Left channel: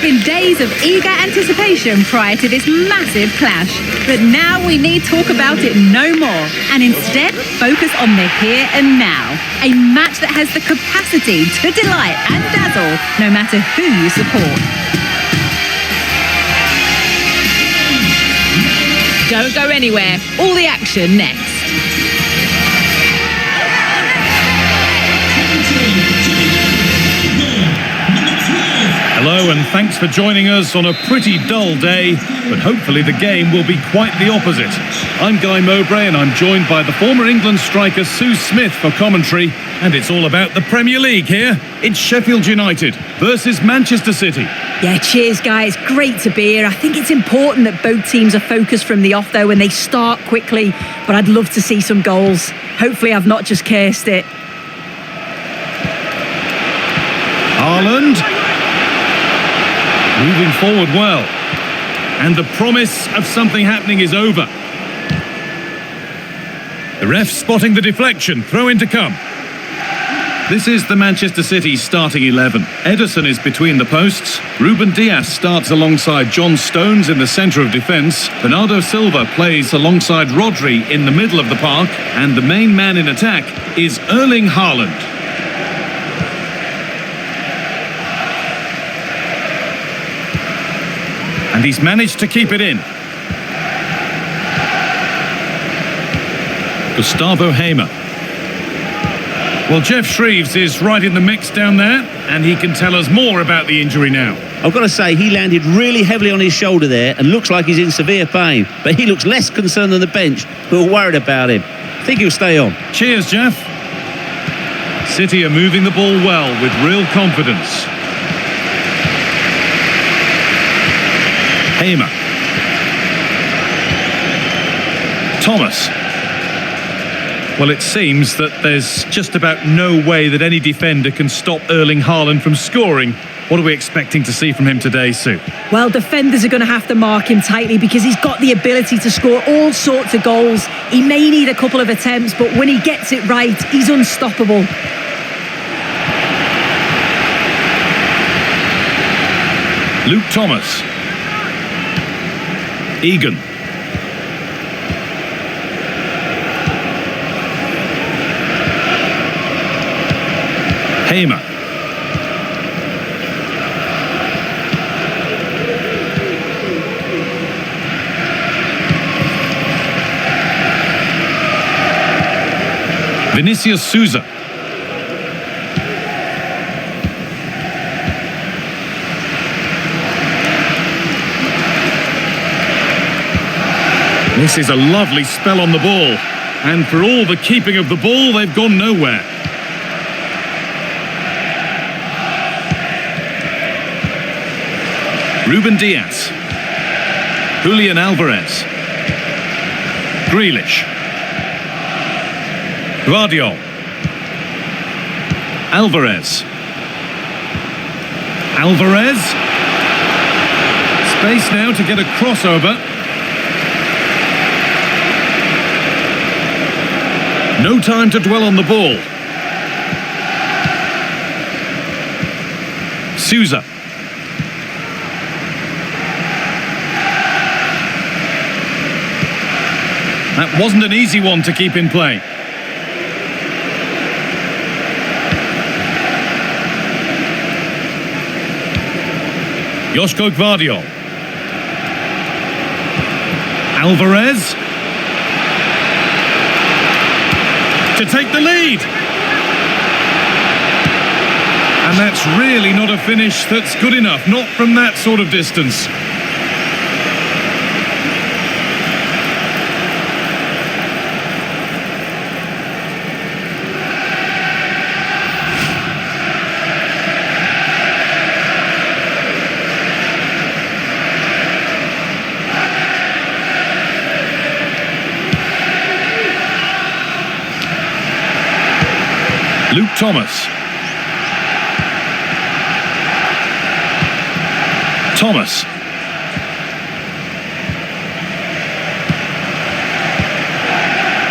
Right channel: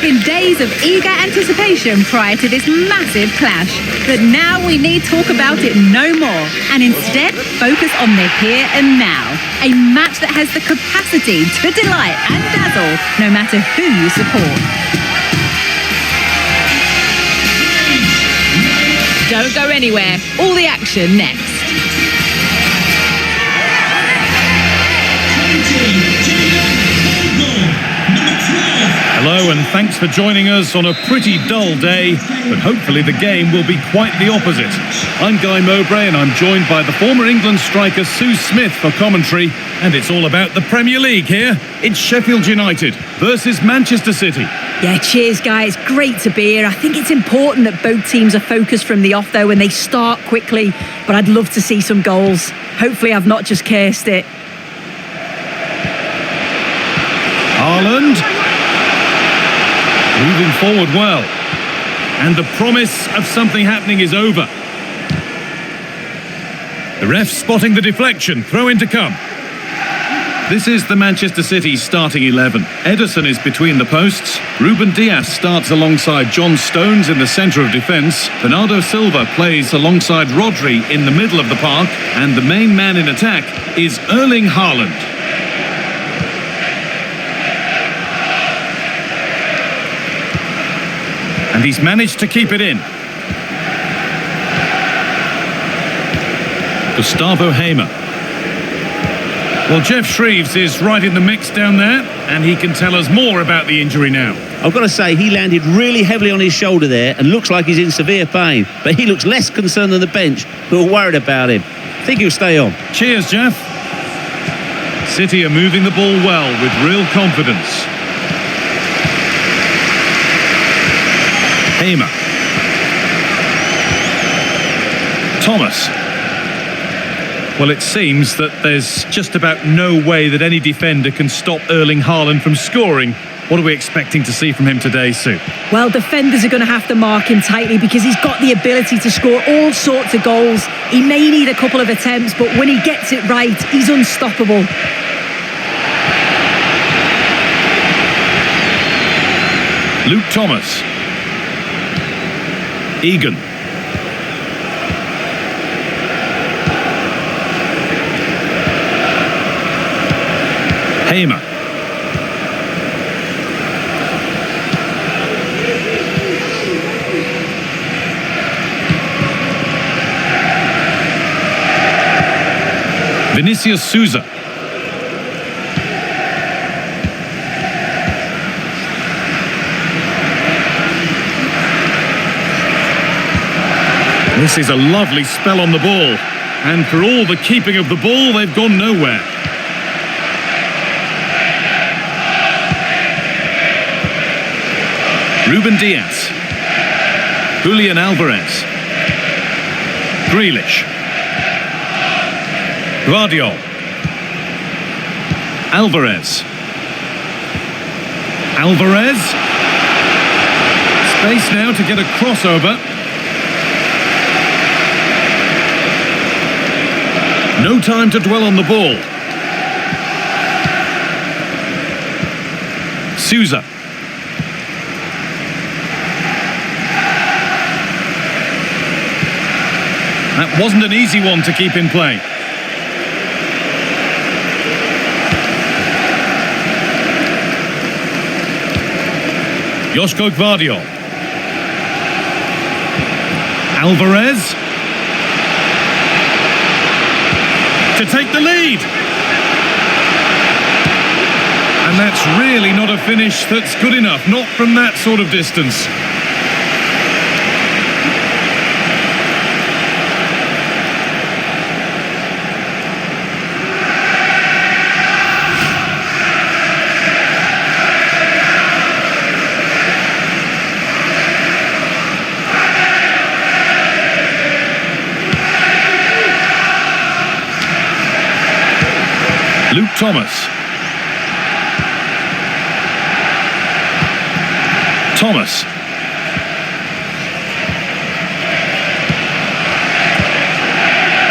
have been days of eager anticipation prior to this massive clash. But now we need talk about it no more, and instead focus on the here and now. A match that has the capacity to delight and dazzle no matter who you support. Don't go anywhere. All the action next. Hello and thanks for joining us on a pretty dull day, but hopefully the game will be quite the opposite. I'm Guy Mowbray and I'm joined by the former England striker Sue Smith for commentary, and it's all about the Premier League here. It's Sheffield United versus Manchester City. Yeah, cheers guys, great to be here. I think it's important that both teams are focused from the off though and they start quickly, but I'd love to see some goals. Hopefully I've not just cursed it. Haaland. Moving forward well. And the promise of something happening is over. The ref spotting the deflection. Throw in to come. This is the Manchester City starting 11. Ederson is between the posts. Ruben Dias starts alongside John Stones in the centre of defence. Bernardo Silva plays alongside Rodri in the middle of the park. And the main man in attack is Erling Haaland. And he's managed to keep it in. Gustavo Hamer. Well, Jeff Shreves is right in the mix down there, and he can tell us more about the injury now. I've got to say, he landed really heavily on his shoulder there and looks like he's in severe pain. But he looks less concerned than the bench, who are worried about him. I think he'll stay on. Cheers, Jeff. City are moving the ball well with real confidence. Hamer. Thomas. Well, it seems that there's just about no way that any defender can stop Erling Haaland from scoring. What are we expecting to see from him today, Sue? Well, defenders are going to have to mark him tightly because he's got the ability to score all sorts of goals. He may need a couple of attempts, but when he gets it right, he's unstoppable. Luke Thomas. Egan. Hamer. Vinicius Souza. This is a lovely spell on the ball, and for all the keeping of the ball, they've gone nowhere. Ruben Dias. Julian Alvarez. Grealish. Guardiola. Alvarez. Alvarez. Space now to get a crossover. No time to dwell on the ball. Souza. That wasn't an easy one to keep in play. Joško Gvardiol. Alvarez. To take the lead. And that's really not a finish that's good enough, not from that sort of distance. Luke Thomas. Thomas.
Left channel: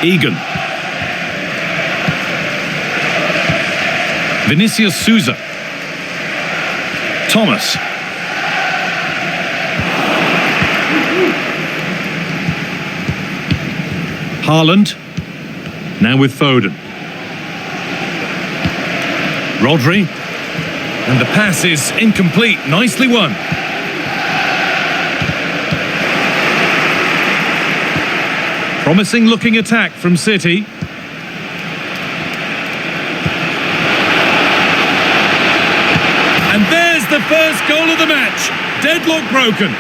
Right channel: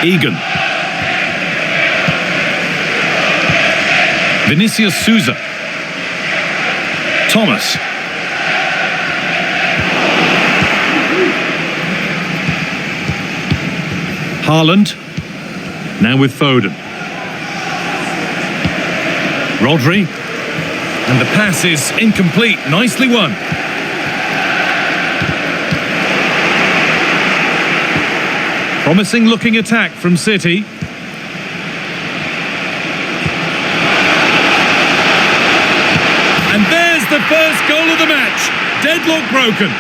Egan. Vinicius Souza. Thomas. Haaland. Now with Foden. Rodri. And the pass is incomplete. Nicely won. Promising looking attack from City. And there's the first goal of the match. Deadlock broken.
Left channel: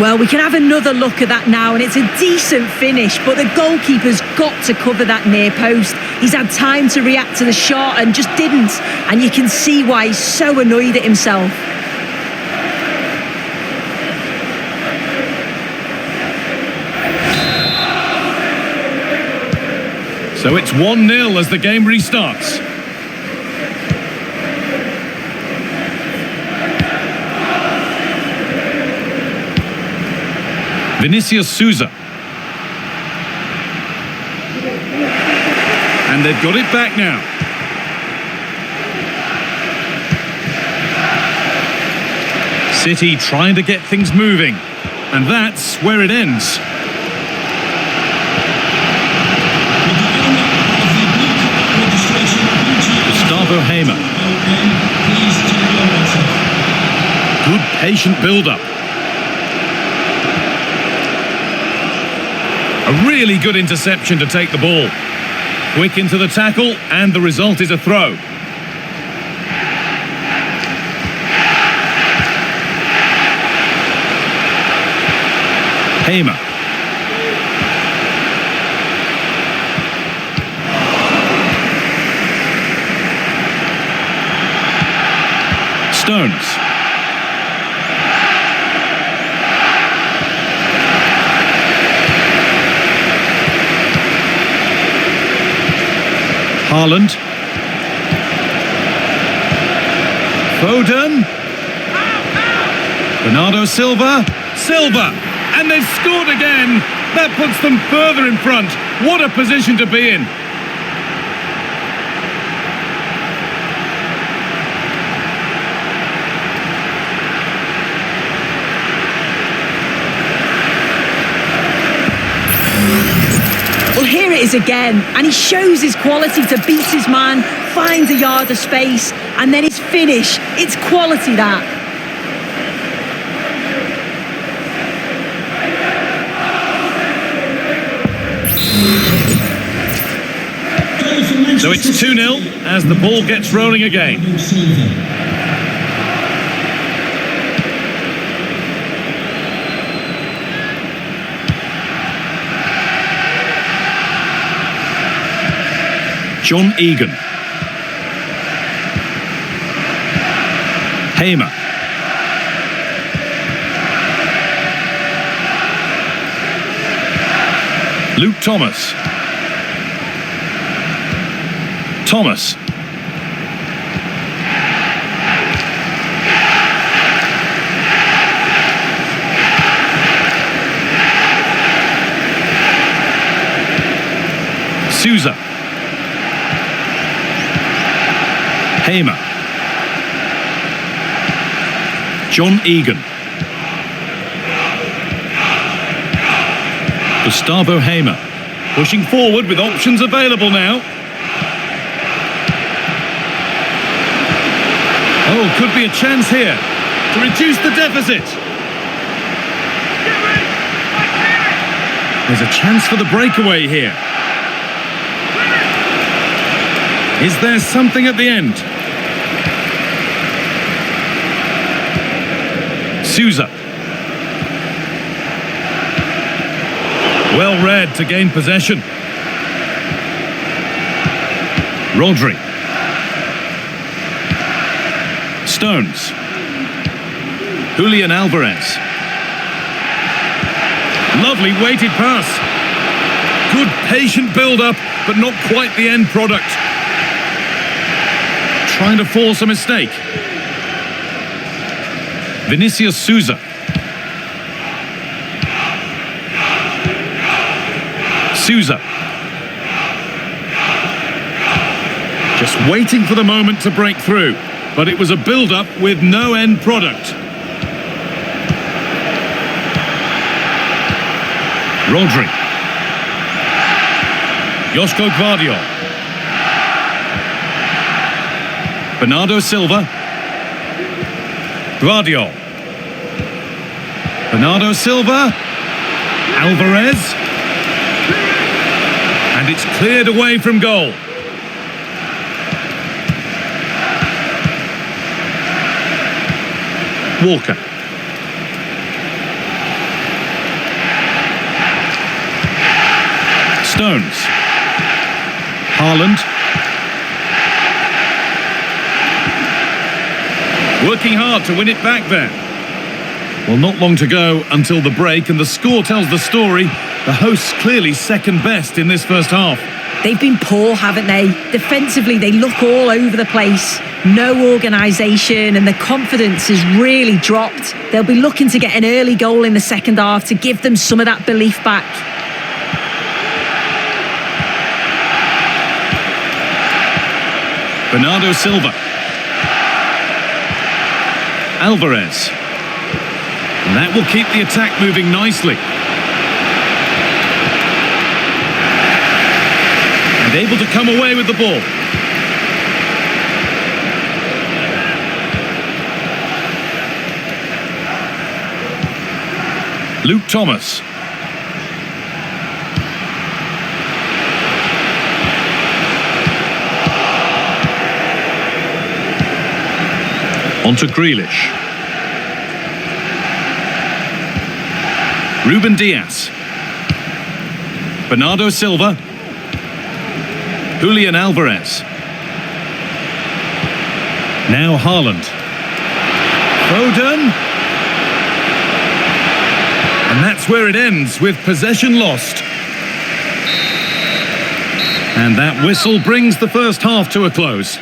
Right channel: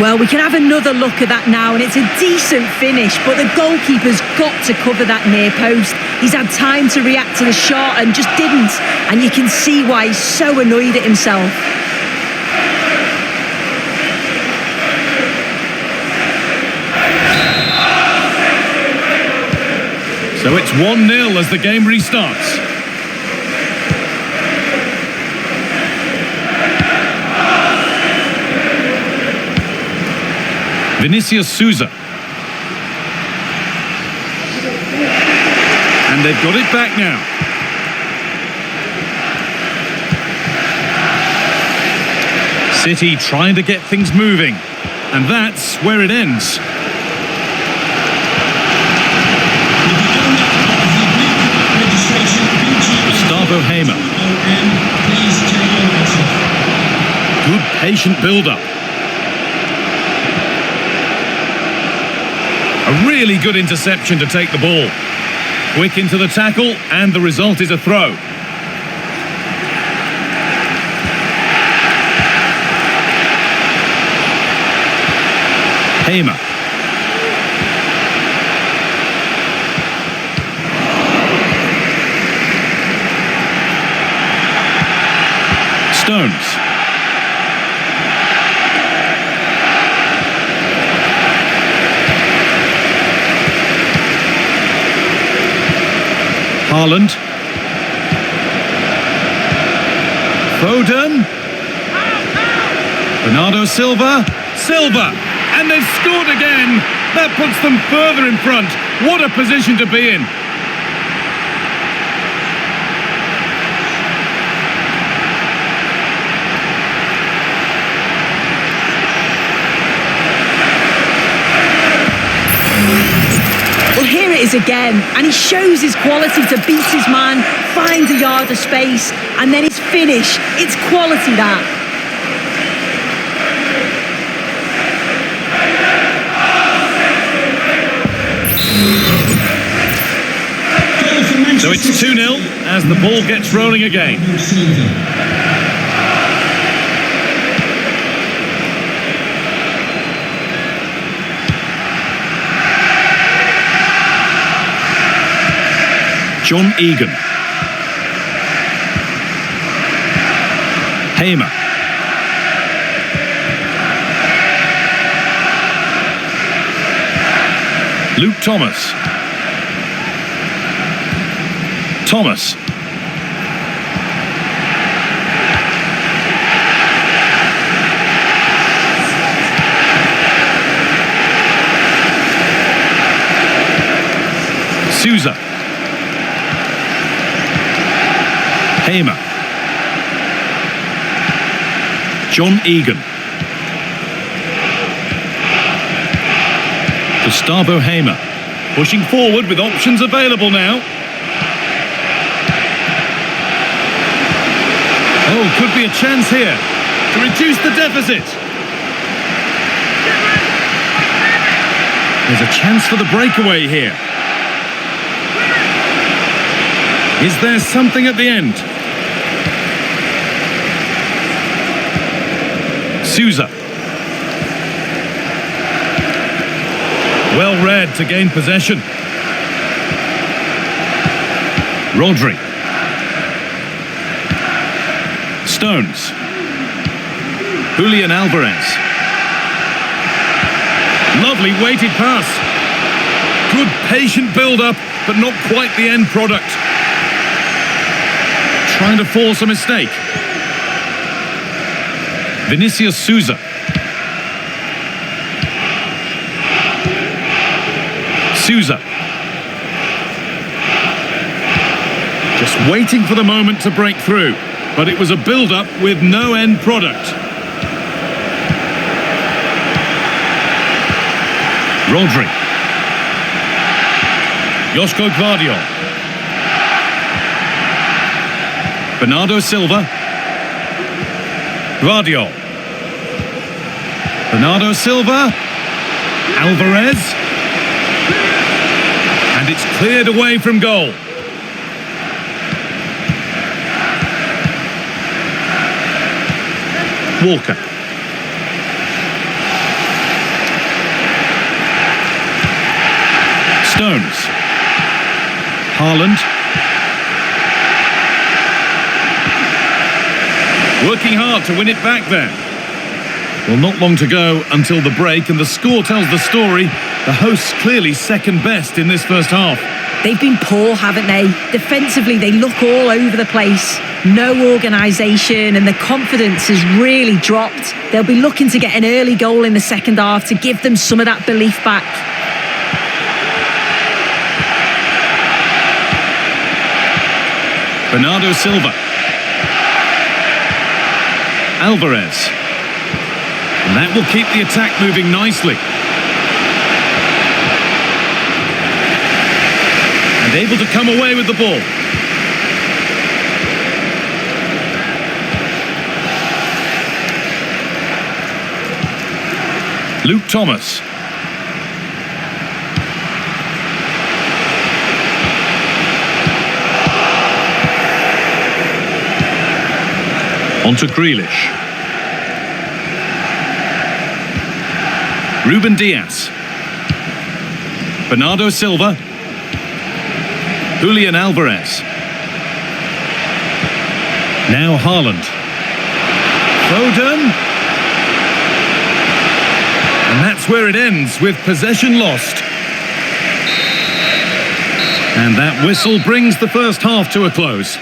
Well, we can have another look at that now, and it's a decent finish, but the goalkeeper's got to cover that near post. He's had time to react to the shot and just didn't, and you can see why he's so annoyed at himself. So it's 1-0 as the game restarts. Vinicius Souza. And they've got it back now. City trying to get things moving. And that's where it ends. Gustavo Hamer. Good patient build-up. A really good interception to take the ball. Quick into the tackle, and the result is a throw. Hamer. Stones. Haaland. Foden. Bernardo Silva. And they've scored again. That puts them further in front. What a position to be in. Well, here it is again, and he shows his quality to beat his man, finds a yard of space, and then his finish. It's quality, that. So it's 2-0 as the ball gets rolling again. John Egan. Hamer. Luke Thomas. Souza. Hamer. John Egan. Gustavo Hamer. Pushing forward with options available now. Oh, could be a chance here to reduce the deficit. There's a chance for the breakaway here. Is there something at the end? Souza. Well read to gain possession. Rodri. Stones. Julian Alvarez. Lovely weighted pass. Good patient build-up, but not quite the end product. Trying to force a mistake. Vinicius Souza. Just waiting for the moment to break through. but it was a build-up with no end product. Rodri. Joško Gvardiol. Bernardo Silva. Gvardiol. Bernardo Silva. Alvarez. And it's cleared away from goal. Walker. Stones. Haaland. Working hard to win it back there. Well, not long to go until the break, and the score tells the story. The hosts clearly second best in this first half. They've been poor, haven't they? Defensively, they look all over the place. No organisation, and the confidence has really dropped. They'll be looking to get an early goal in the second half to give them some of that belief back. Bernardo Silva. Alvarez. And that will keep the attack moving nicely. And able to come away with the ball. Luke Thomas. On to Grealish. Ruben Dias. Bernardo Silva. Julian Alvarez. Now Haaland. Foden. And that's where it ends, with possession lost. And that whistle brings the first half to a close.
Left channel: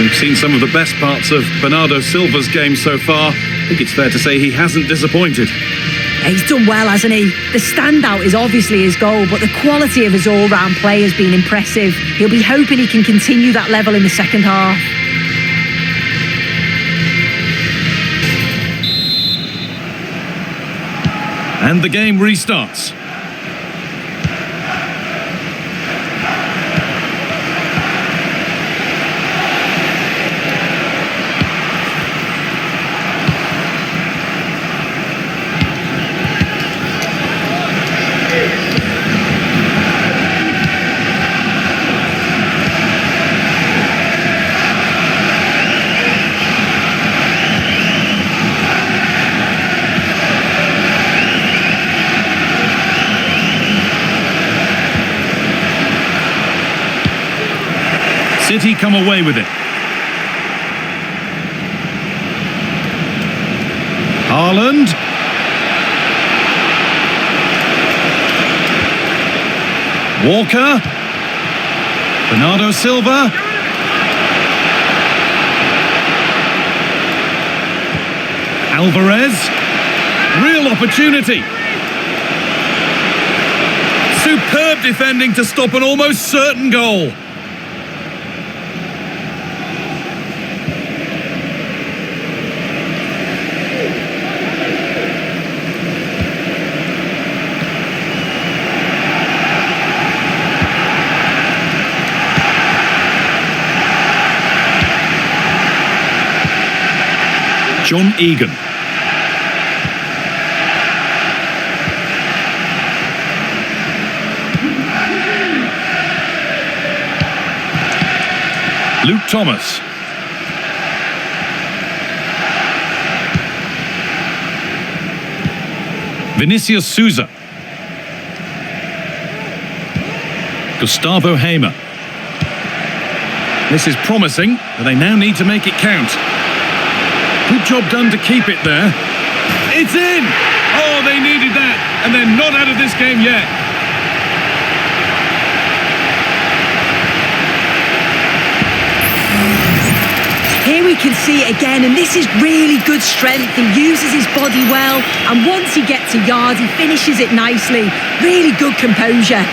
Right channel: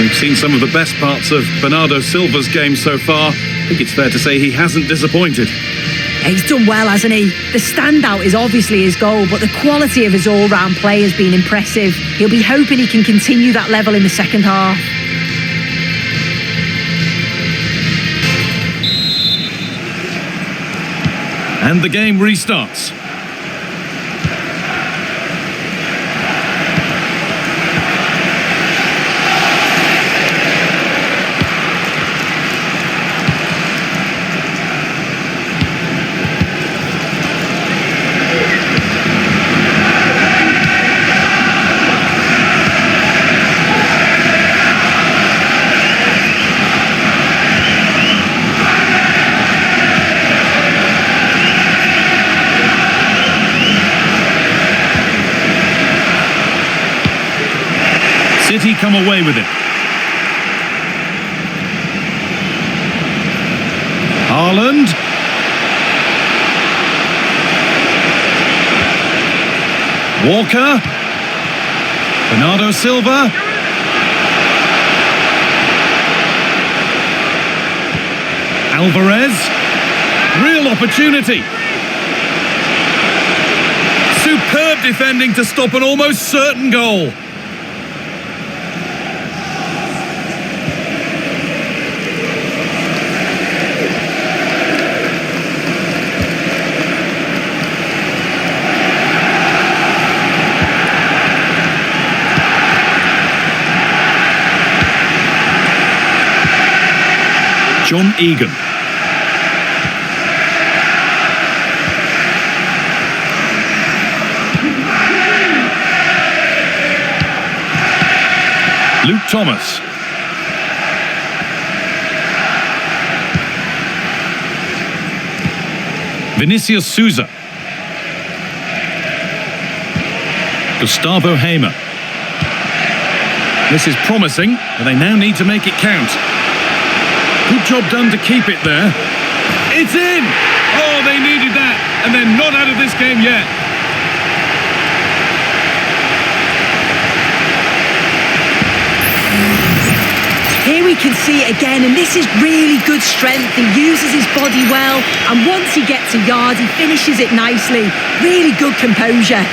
We've seen some of the best parts of Bernardo Silva's game so far. I think it's fair to say he hasn't disappointed. He's done well, hasn't he? The standout is obviously his goal, but the quality of his all-round play has been impressive. He'll be hoping he can continue that level in the second half. And the game restarts. City come away with it. Haaland. Walker. Bernardo Silva. Alvarez. Real opportunity. Superb defending to stop an almost certain goal. John Egan. Luke Thomas. Vinicius Souza. Gustavo Hamer. This is promising, but they now need to make it count. Good job done to keep it there. It's in! Oh, they needed that, and they're not out of this game yet. Here we can see it again, and this is really good strength. He uses his body well, and once he gets a yard, he finishes it nicely. Really good composure.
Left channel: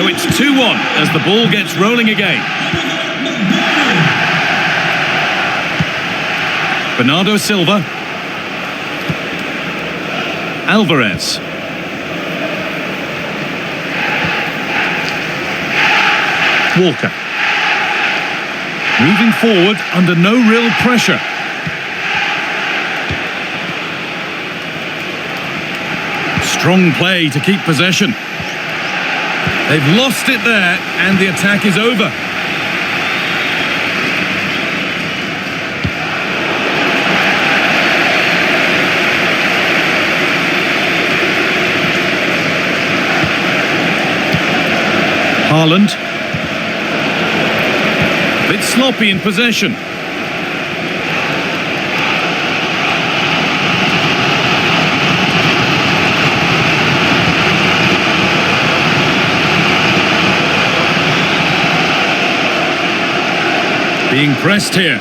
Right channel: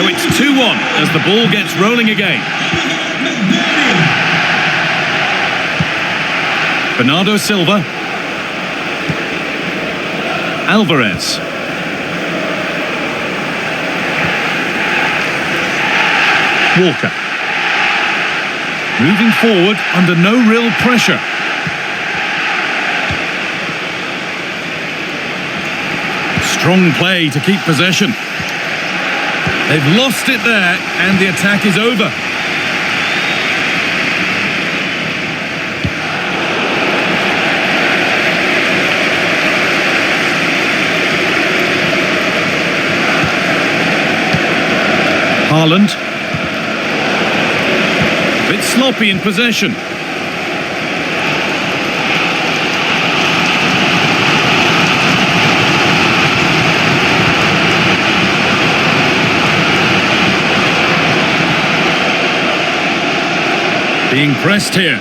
So it's 2-1 as the ball gets rolling again. Bernardo Silva. Alvarez. Walker. Moving forward under no real pressure. Strong play to keep possession. They've lost it there and the attack is over. Haaland. Bit sloppy in possession. Being pressed here.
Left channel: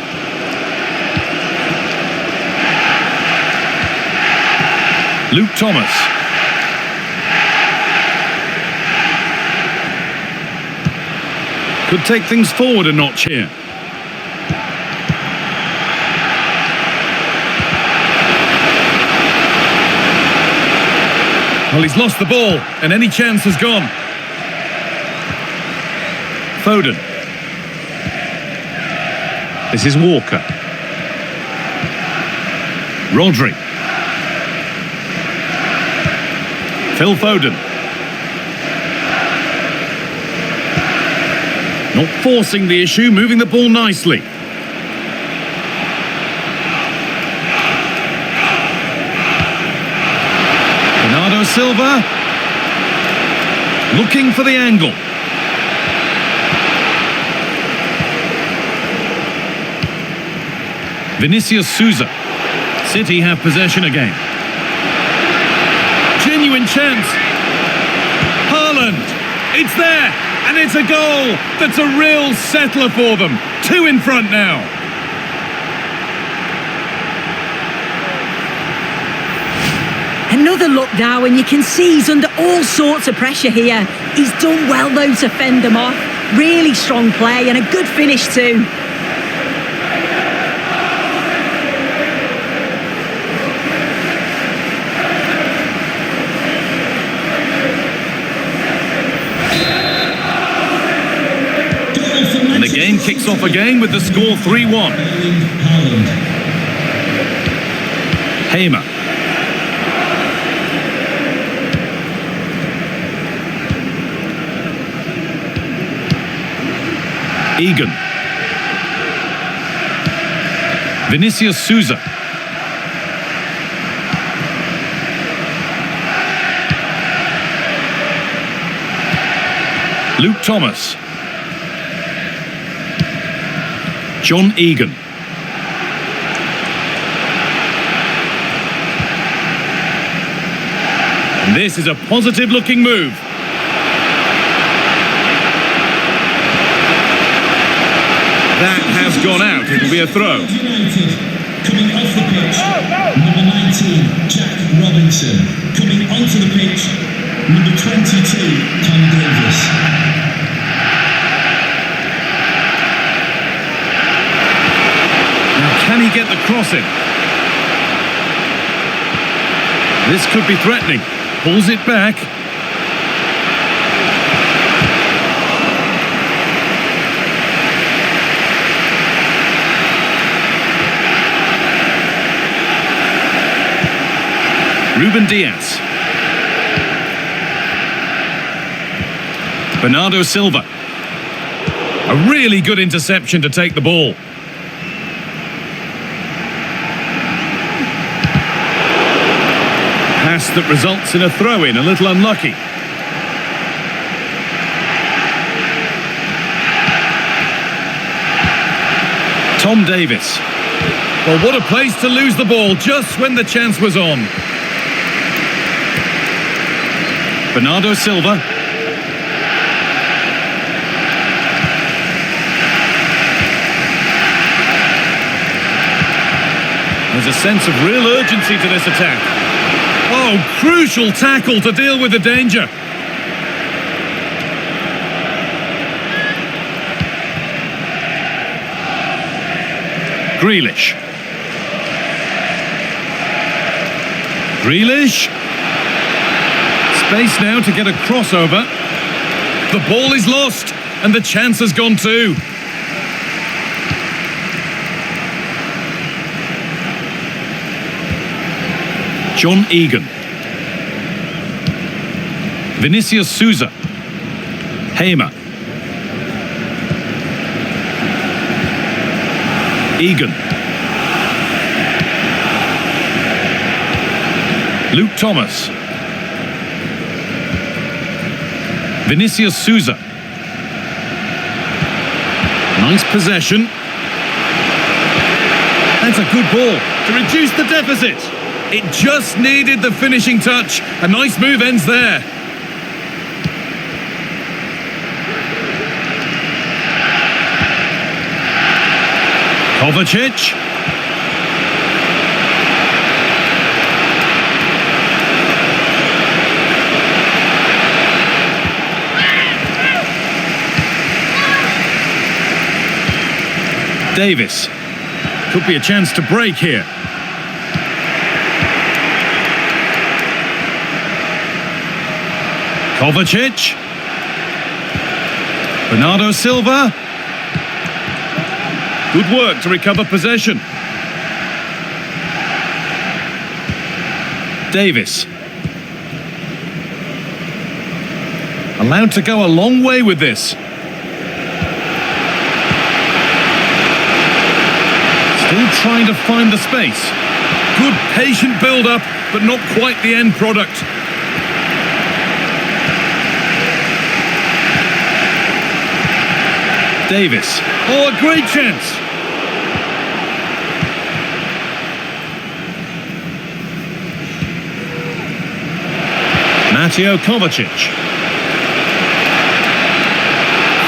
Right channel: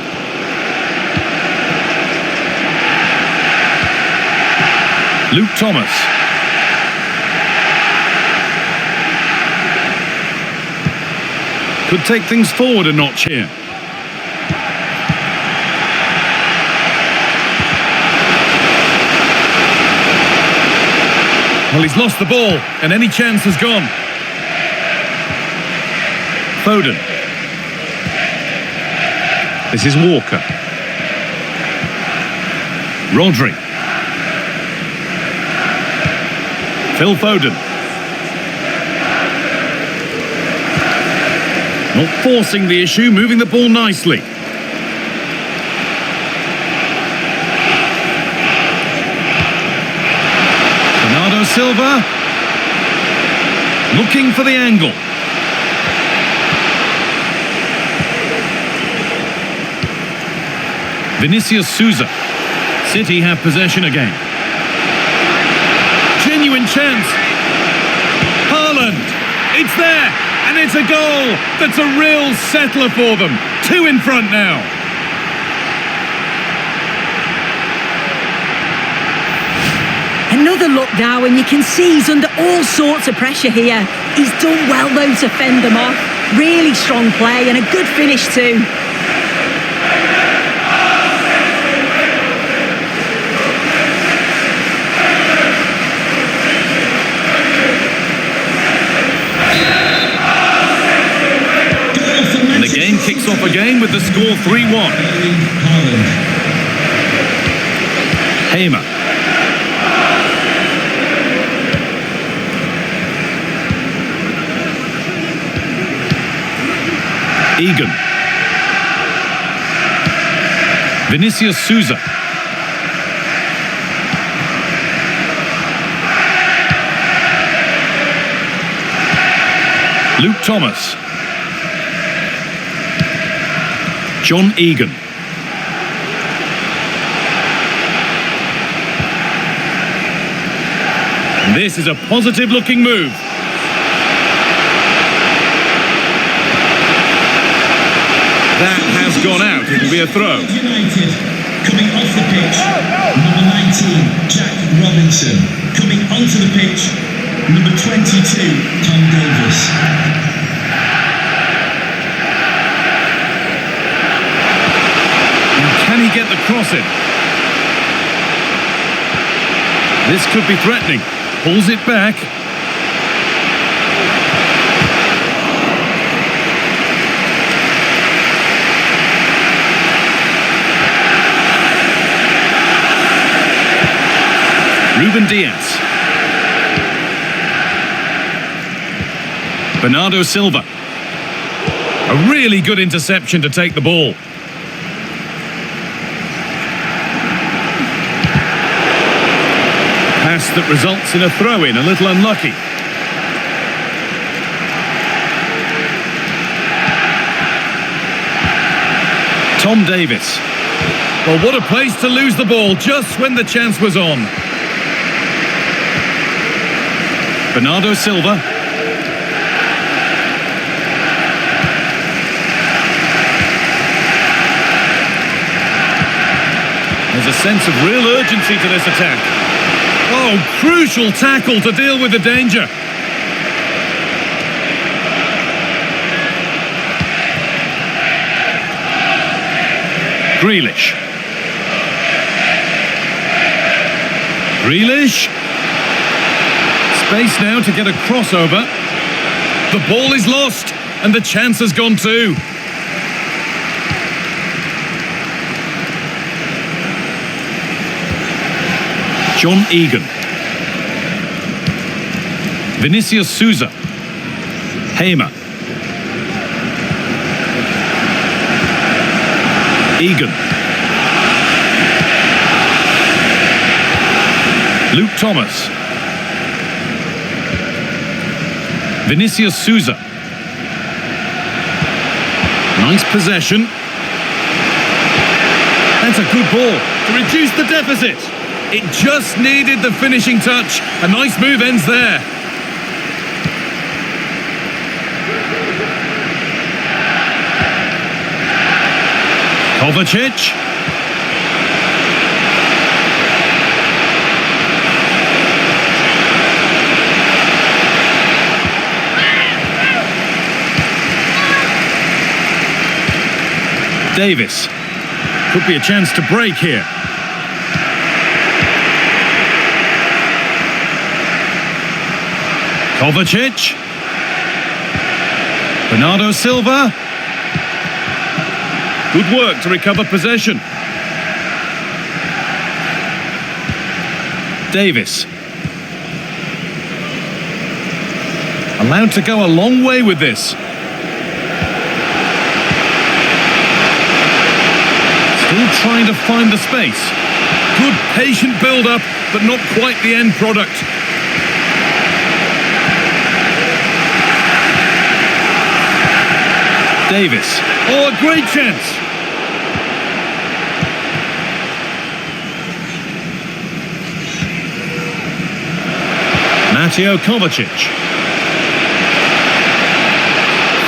Luke Thomas. Could take things forward a notch here. Well, he's lost the ball, and any chance has gone. Foden. This is Walker. Rodri. Phil Foden. Not forcing the issue, moving the ball nicely. Bernardo Silva. Looking for the angle. Vinicius Souza. City have possession again. Genuine chance. Haaland. It's there. And it's a goal that's a real settler for them. 2 in front now. Another look now, and you can see he's under all sorts of pressure here. He's done well, though, to fend them off. Really strong play and a good finish too. And the game kicks off again with the score 3-1. Hamer. Egan. Vinicius Souza. Luke Thomas. John Egan. And this is a positive looking move. That has gone out. It'll be a throw. United coming off the pitch. Number 19, Jack Robinson. Coming onto the pitch, number 22, Tom Davis. Now, can he get the cross in? This could be threatening. Pulls it back. Ruben Diaz. Bernardo Silva. A really good interception to take the ball. Pass that results in a throw-in, a little unlucky. Tom Davis. Well, what a place to lose the ball just when the chance was on. Bernardo Silva. There's a sense of real urgency to this attack. Oh, crucial tackle to deal with the danger. Grealish. Grealish. Space now to get a crossover. The ball is lost, and the chance has gone too. John Egan. Vinicius Souza. Hamer. Egan. Luke Thomas. Vinicius Souza. Nice possession. That's a good ball to reduce the deficit. It just needed the finishing touch. A nice move ends there. Kovacic. Davis. Could be a chance to break here. Kovacic. Bernardo Silva. Good work to recover possession. Davis. Allowed to go a long way with this. Still trying to find the space. Good patient build-up, but not quite the end product. Davis. Oh, a great chance. Mateo Kovacic.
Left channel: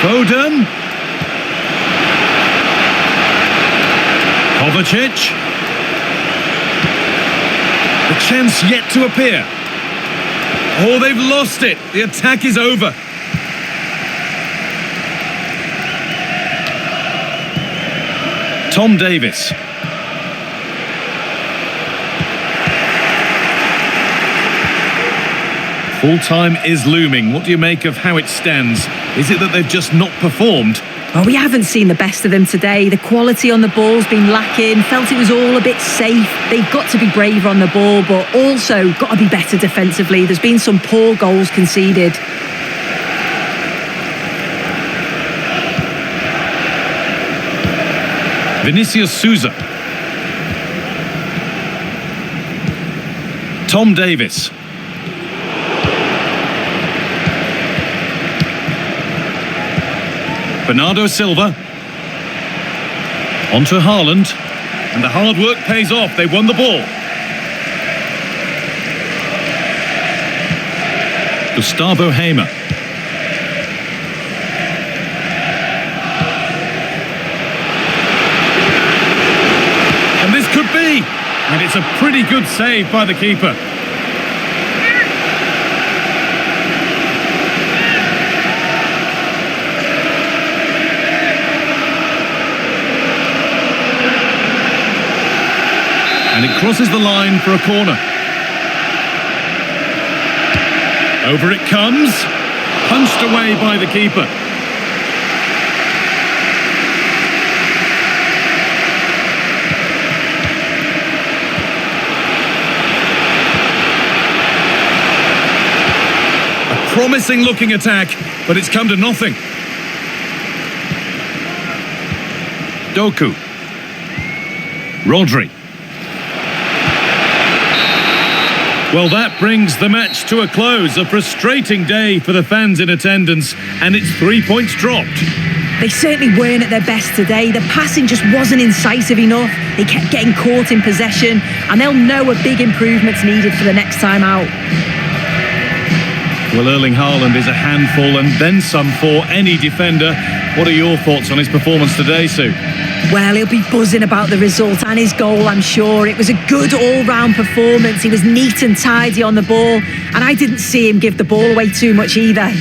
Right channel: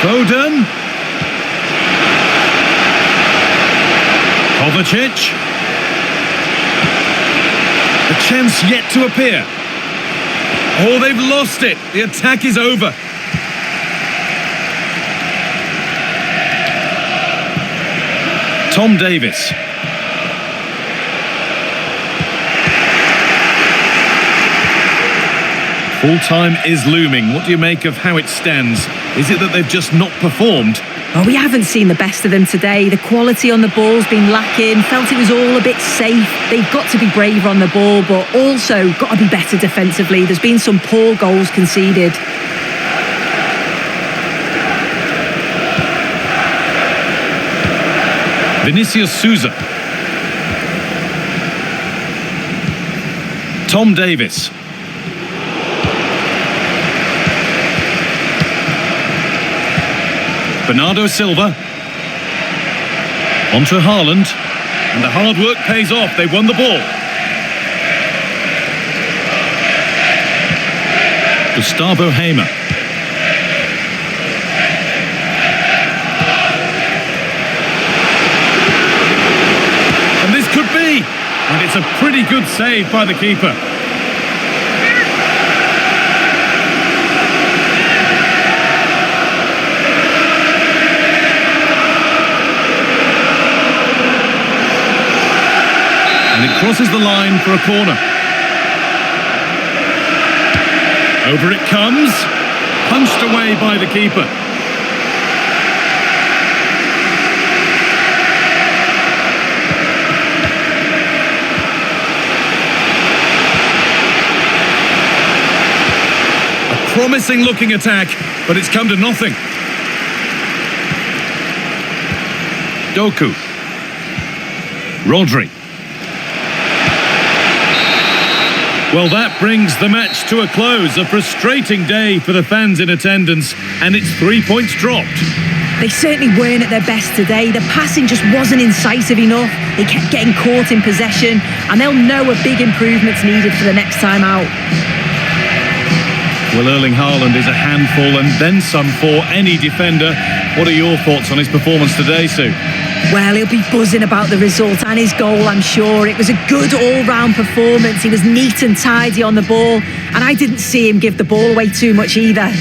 Foden. Kovacic. The chance yet to appear. Oh, they've lost it. The attack is over. Tom Davis. Full time is looming. What do you make of how it stands? Is it that they've just not performed? Well, we haven't seen the best of them today. The quality on the ball's been lacking. Felt it was all a bit safe. They've got to be braver on the ball, but also got to be better defensively. There's been some poor goals conceded. Vinicius Souza. Tom Davis. Bernardo Silva. Onto Haaland. And the hard work pays off. They won the ball. Gustavo Hamer. And this could be. And it's a pretty good save by the keeper. And it crosses the line for a corner. Over it comes. Punched away by the keeper. A promising looking attack, but it's come to nothing. Doku. Rodri. Well, that brings the match to a close. A frustrating day for the fans in attendance, and it's 3 points dropped. They certainly weren't at their best today. The passing just wasn't incisive enough. They kept getting caught in possession, and they'll know a big improvement's needed for the next time out. Well, Erling Haaland is a handful and then some for any defender. What are your thoughts on his performance today, Sue? Well, he'll be buzzing about the result and his goal, I'm sure. It was a good all-round performance. He was neat and tidy on the ball, and I didn't see him give the ball away too much either.